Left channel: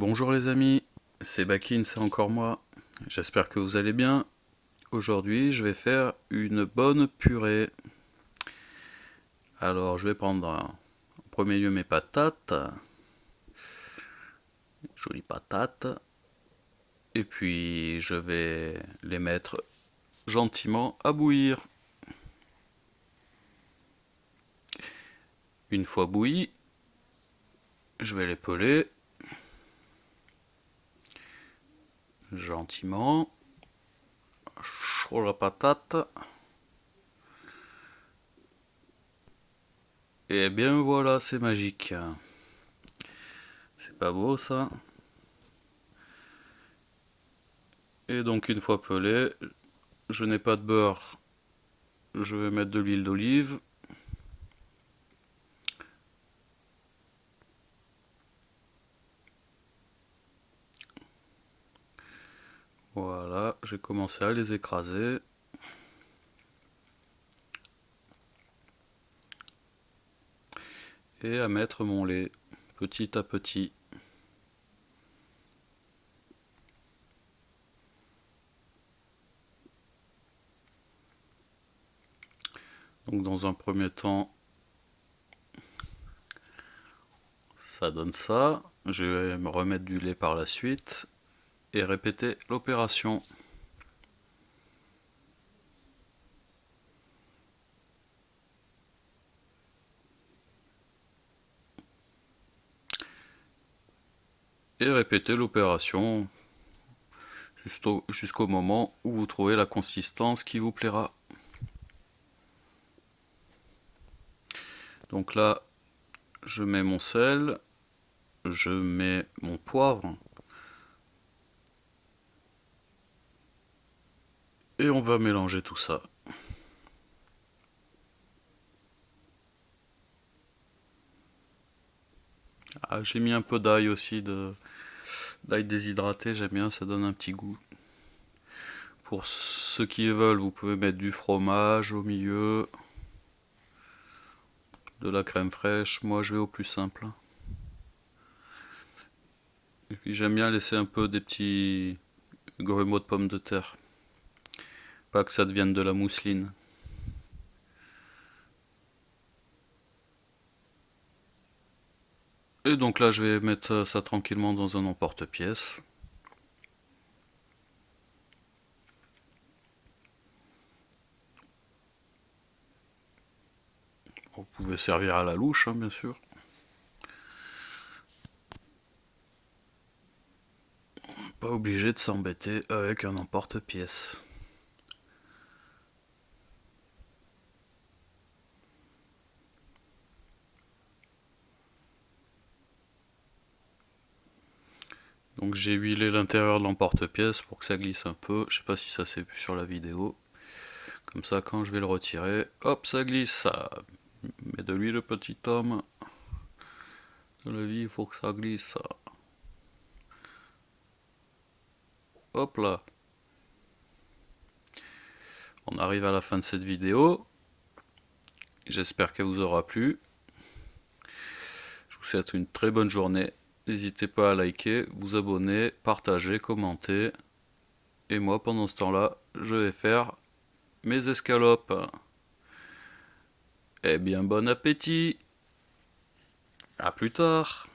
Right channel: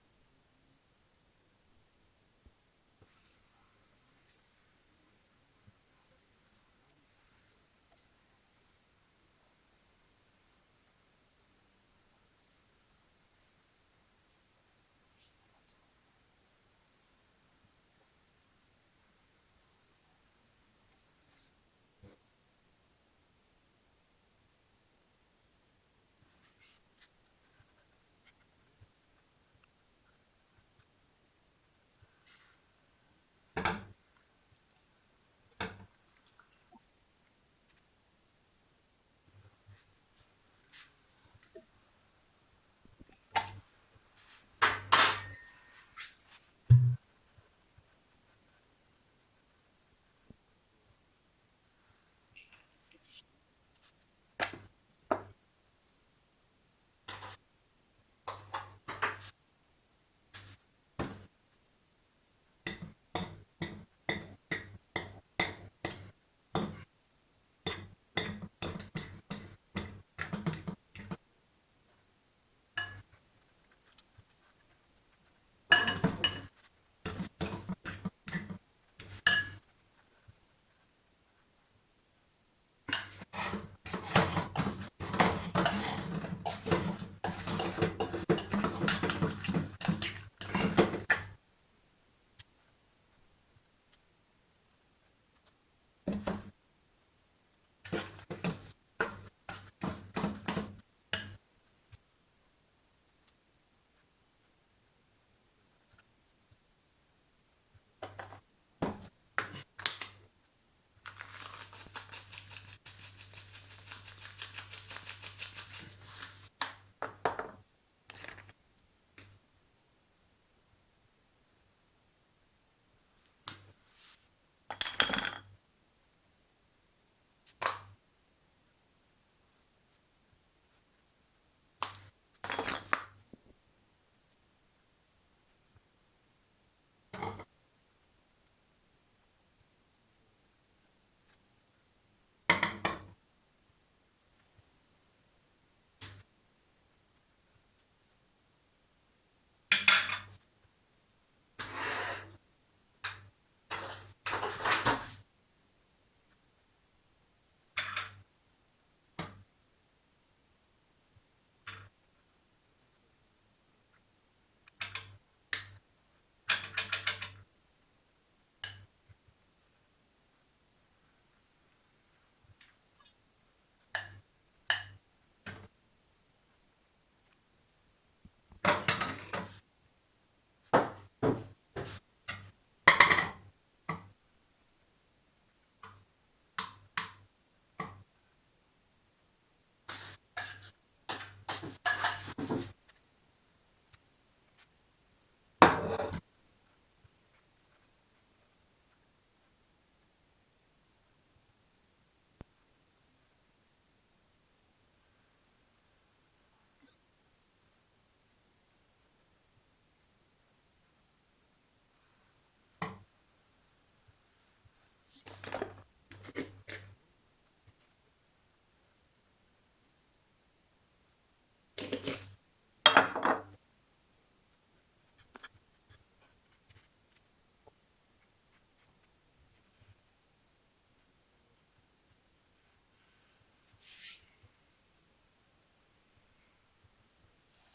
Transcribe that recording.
Bonjour les amis, c'est Bakin, c'est encore moi. J'espère que vous allez bien. Aujourd'hui, je vais faire une bonne purée. Alors, je vais prendre en premier lieu mes patates, jolies patates, et puis je vais les mettre gentiment à bouillir. Une fois bouillies, je vais les peler gentiment sur la patate. Et bien voilà, c'est magique. C'est pas beau ça? Et donc une fois pelé, je n'ai pas de beurre, je vais mettre de l'huile d'olive. Voilà, j'ai commencé à les écraser. Et à mettre mon lait petit à petit. Donc dans un premier temps, ça donne ça. Je vais me remettre du lait par la suite et répéter l'opération. Et répéter l'opération jusqu'au moment où vous trouvez la consistance qui vous plaira. Donc là, je mets mon sel, je mets mon poivre et on va mélanger tout ça. Ah, j'ai mis un peu d'ail aussi, d'ail déshydraté, j'aime bien, ça donne un petit goût. Pour ceux qui veulent, vous pouvez mettre du fromage au milieu, de la crème fraîche. Moi, je vais au plus simple. J'aime bien laisser un peu des petits grumeaux de pommes de terre. Pas que ça devienne de la mousseline. Et donc là, je vais mettre ça tranquillement dans un emporte-pièce. Vous pouvez servir à la louche, hein, bien sûr. Pas obligé de s'embêter avec un emporte-pièce. Donc j'ai huilé l'intérieur de l'emporte-pièce pour que ça glisse un peu. Je sais pas si ça s'est vu sur la vidéo. Comme ça, quand je vais le retirer, hop, ça glisse. Ça met de l'huile, petit homme. Dans la vie, il faut que ça glisse. Hop là. On arrive à la fin de cette vidéo. J'espère qu'elle vous aura plu. Je vous souhaite une très bonne journée. N'hésitez pas à liker, vous abonner, partager, commenter. Et moi, pendant ce temps-là, je vais faire mes escalopes. Eh bien, bon appétit! À plus tard!